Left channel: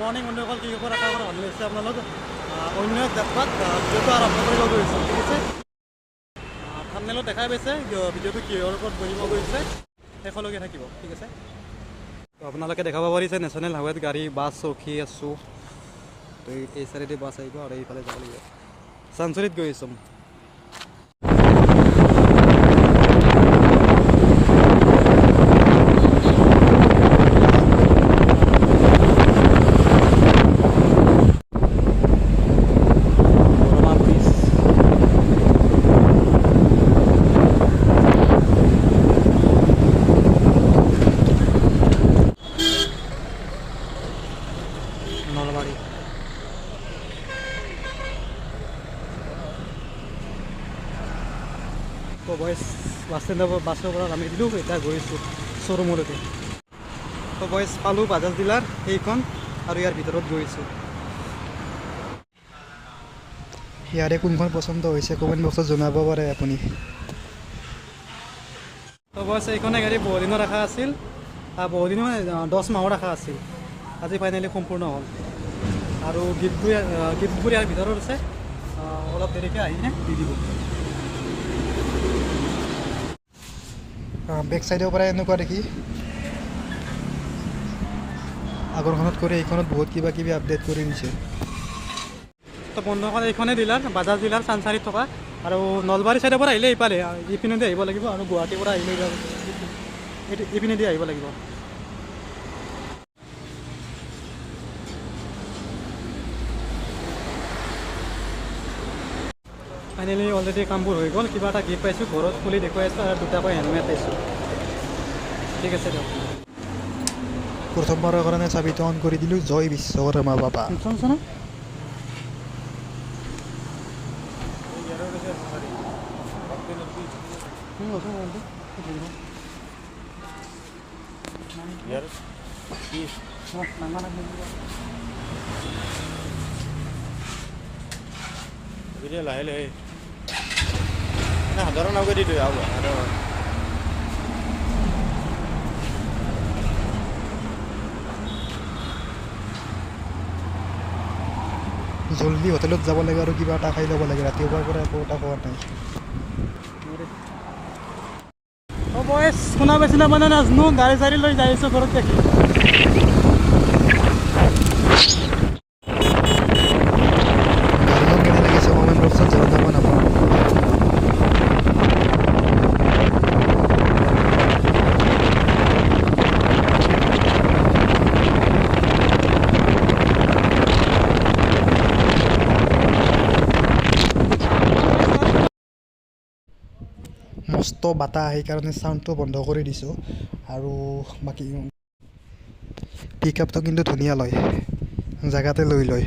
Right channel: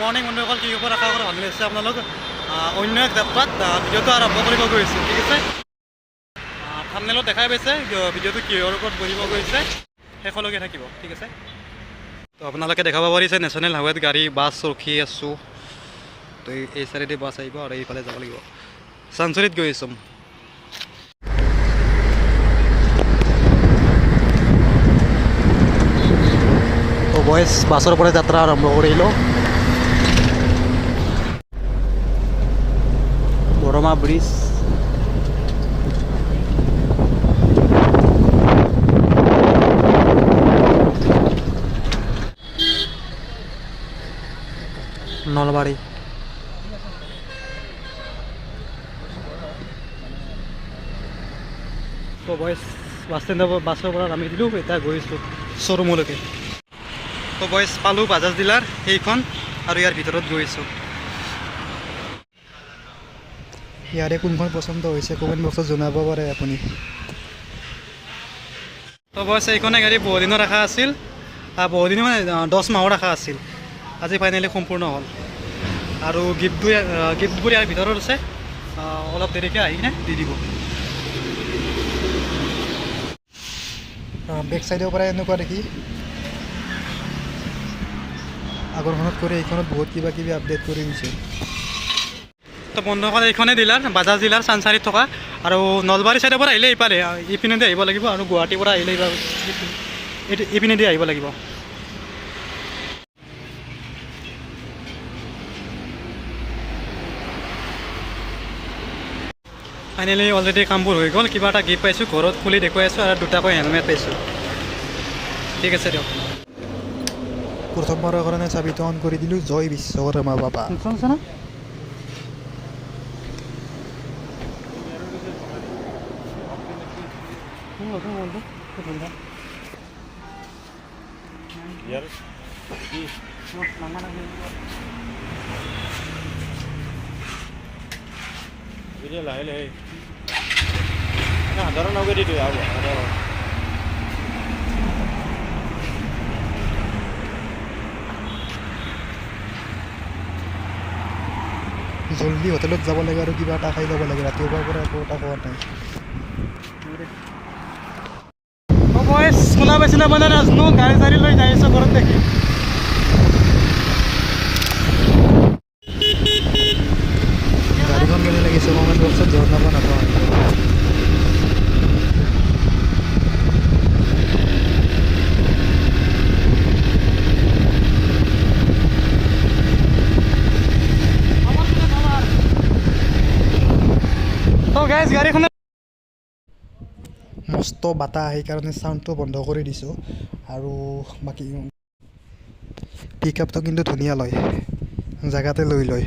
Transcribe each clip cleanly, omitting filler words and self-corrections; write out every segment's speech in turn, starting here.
Morning বন্ধুসকল, কি খবৰ? আশা কৰোঁ ভালে আছে আপোনালোক। অন্য এক যাত্ৰাত ভিডিঅ'টো আৰম্ভ কৰিব গৈছোঁ, ঠিক আছে। থাম্বনেইলত দেখাই পাইছে ভিডিঅ'টো কিহৰ ওপৰত বহিব গৈছে, শেষলৈকে থাকিব, ঠিক আছে। তো আপোনালোকে দেখাব পাৰিছে নেশ্যনেল হাইৱেত গাড়ী বাছ ৰখি আছোঁ। তো এই চাইডেদি বাছ আহিব আৰু এইফালে যাব লাগিব। চানচুৰিত গৈ আছোঁ। বাছৰ পৰা যাত্ৰা আৰম্ভ কৰিলোঁ। গৰমা ব্ৰিজ, নলবাৰী। তো বয়স বাছ ষ্টেণ্ডৰ বাছৰ পৰা নামি দিলোঁ, এতিয়া গৈছোঁ শ্ব'ৰুমলৈকে। তো বয়স পালোঁ বাজাজ ডিলাৰ সেইখন, আৰু ইয়াৰ ভিতৰত গৈছোঁ। ইয়াৰে কোনখন পচন্দ হৈছে কমেণ্ট বক্সত জনাব পাৰে আপুনি। তো বয়স এইখনে গাড়ী বহুদিনৰ আশা আছিল, বহুদিন মানে 10 মাহৰ আশা আছিল। আজি ফাইনেলি সম্পূৰ্ণ হ'ল। আৰু গিফ্টবোৰ ইয়াৰ ভিতৰত আছে, অলপ দেৰিকৈ আহি কিনে দি দিব। বেক চাইডৰ পৰা এনেকুৱা দেখি আগৰখনত কৰি এইখনত বহুত কিবা কিবি আপডেট কৰি দিছে। তো বন্ধুসকল, এইখনেই ডিলাৰ, বাজাজ ডিলাৰ চানচাৰিত থকা। আৰু নলবাৰী চাইডৰ পৰা আহিলে ইফালে ইপিনেদি আহিব লাগিব, আৰু গুৱাহাটীৰ পৰা আহিলে ইপিনেদি আহিব লাগিব। ফাইনেলি অলৰেডি কামবোৰ হৈ গ'ল। কিবা এটা গিফ্ট পাইছোঁ, ঘৰত খুলি দেখুৱাই আছোঁ, আৰু দুটাকৈ হেলমেট পাইছোঁ। ঠিক আছে দিয়ক। প্ৰথমবাৰৰ কাৰণে চাবিটো অন কৰি দিলোঁ। জয় বিশ্বকৰ্মা বাবা। লাহে লাহে সাধাৰণ নগৈ দিলোঁ সাধাৰণ। জলদি হোটেলত যাব লাগে আৰু কিবা এটা খাই ল'ব লাগে। ৰাতিপুৱাৰ পৰা একো এটা খোৱা নাই। শুনা পাইছিলে মানে নাজানো, গাড়ী চাড়ী লৈ যাই আছোঁ ঘৰত দেখি। গাড়ীখন কেনে লাগিছে কমেণ্ট বক্সত জনাব নাপাওঁ। মস্ত বতাহ, সেইকাৰণে চাউণ্ডটো বন্ধ কৰি দিছোঁ। আৰু বাকী পিক আপটো কিন্তু ধুনীয়া লয়, জেগাতে লৈ লয়।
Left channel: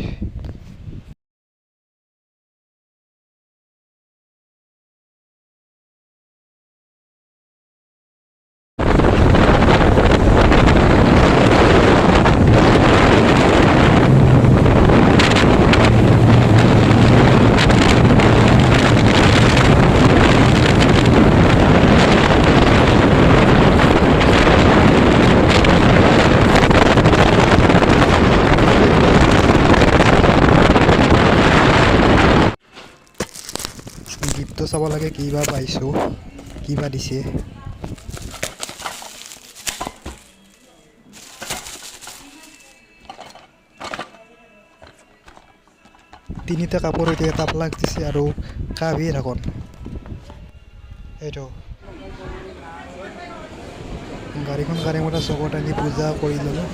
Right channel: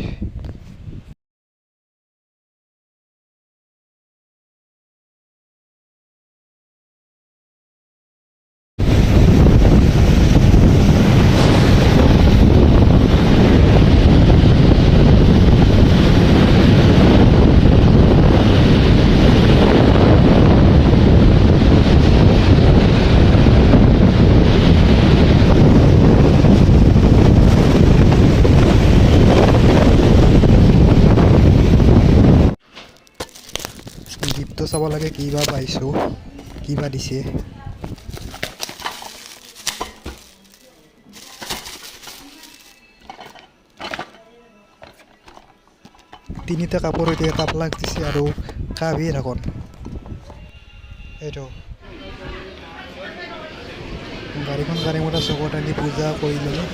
গিফ্টটো চাব লাগে, কিবা পাইছোঁ, কিবা দিছে। তিনিটা কাপোৰ এতিয়া এটা প্লাগ দিছে, আৰু কাবি ঢাকন। এইটো গাড়ীখন গাড়ীমতে চকত আনি পূজা কৰি ল'লোঁ।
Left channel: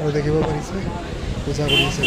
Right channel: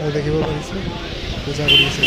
আৰু দেখিব পাৰিছে পূজা কৰি আছে।